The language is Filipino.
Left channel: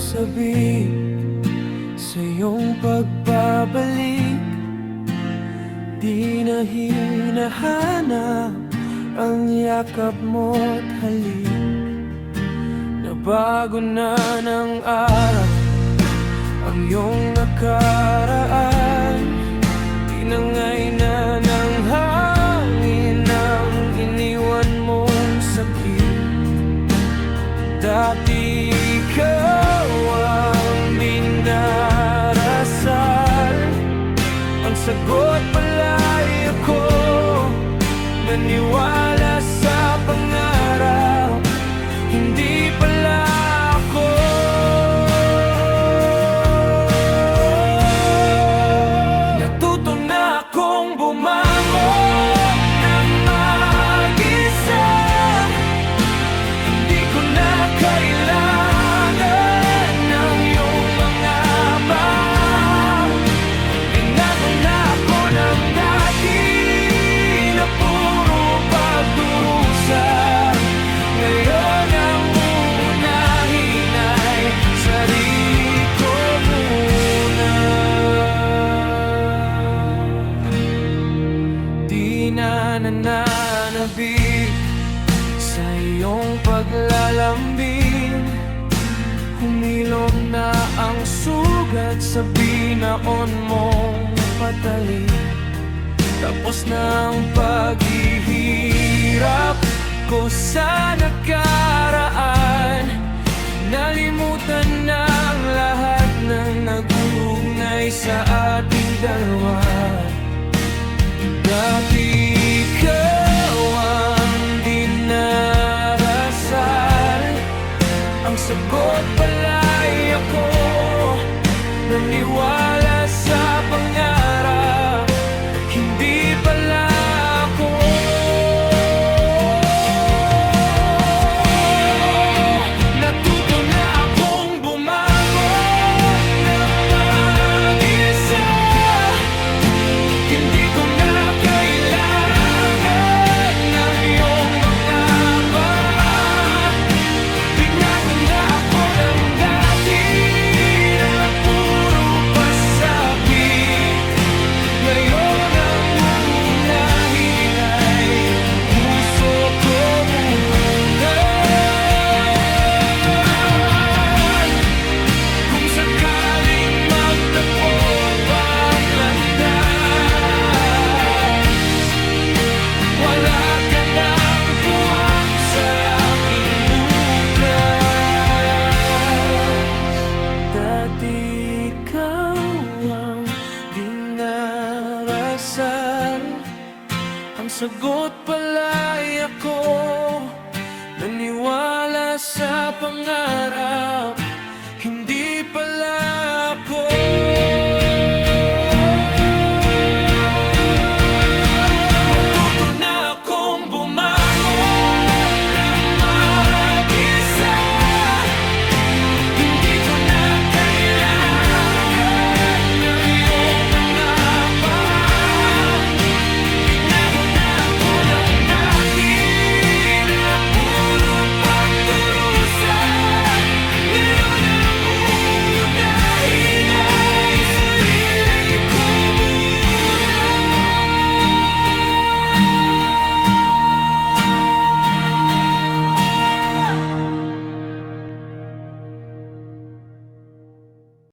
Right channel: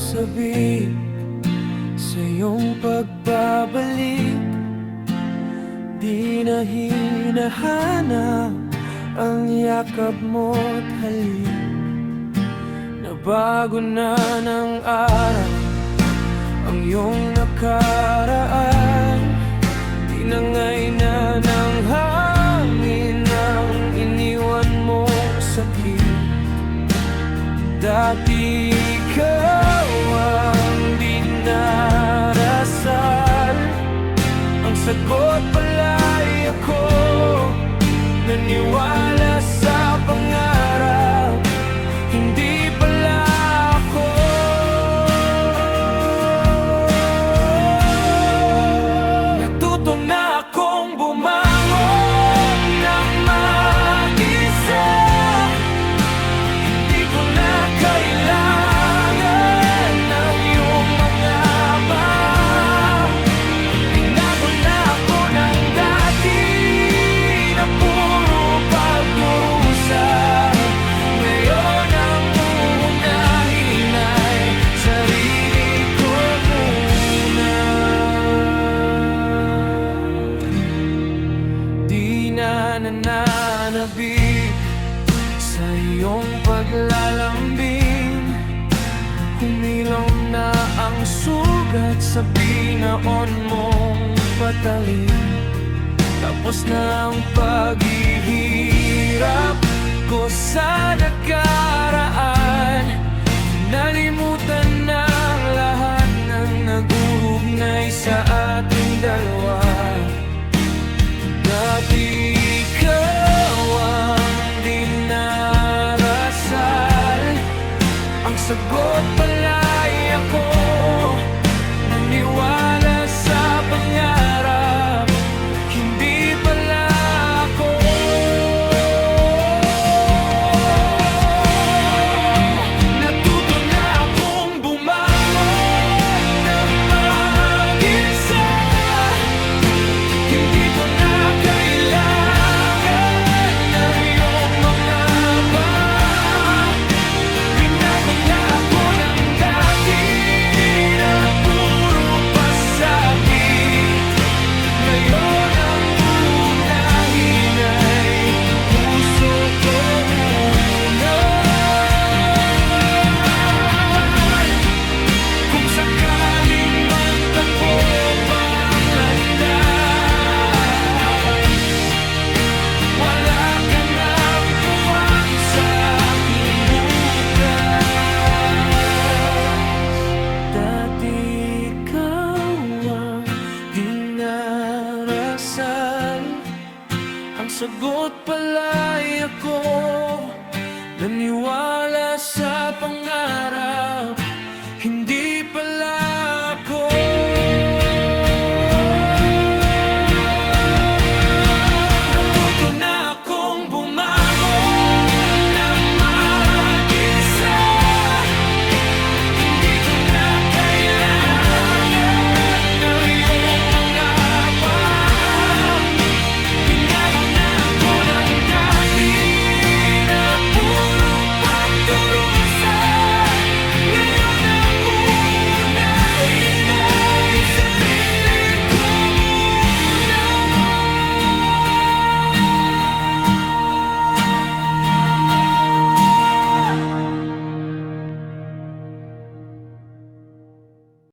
sabik sa iyong pagbabalik. Di na hinahanap ang yakap mo't halik. Nabago na ng araw ang iyong nakaraan. Tinangay na ng hangin ang iniwan mong sakit. Dati ikaw ang dinarasal, ang sagot pala'y ako. Naniwala sa pangarap, hindi pala ako. Natuto na akong bumangon ng mag-isa. Hindi ko na kailangan ng iyong mga paw. Binago na ako ng dati na puro pagdurusa. Ngayon ang uunahin ay sarili ko muna. Di na nananabik sa iyong paglalambing. Humilom na ang sugat sa binaon mong patalim. Tapos na ang paghihirap ko sa nakaraan. Nalimutan na ang lahat ng nag-uugnay sa ating dalawa. Dati ikaw ang dinarasal, ang sagot pala'y ako. Naniwala sa pangarap, hindi pala ako. Natuto na akong bumangon na mag-isa. Hindi ko na kailangan ng iyong mga pa. Binago na ako ng dati na puro pasakit. Ngayon ang unahin ay puso ko muna. Kung sakaling magtagpo pang landas, wala ka nang puwang sa aking bukas. Dati ikaw ang dinarasal, ang sagot pala'y ako. Naniwala sa pangarap, hindi pala ako. Natuto na akong bumangon ng mag-isa. Hindi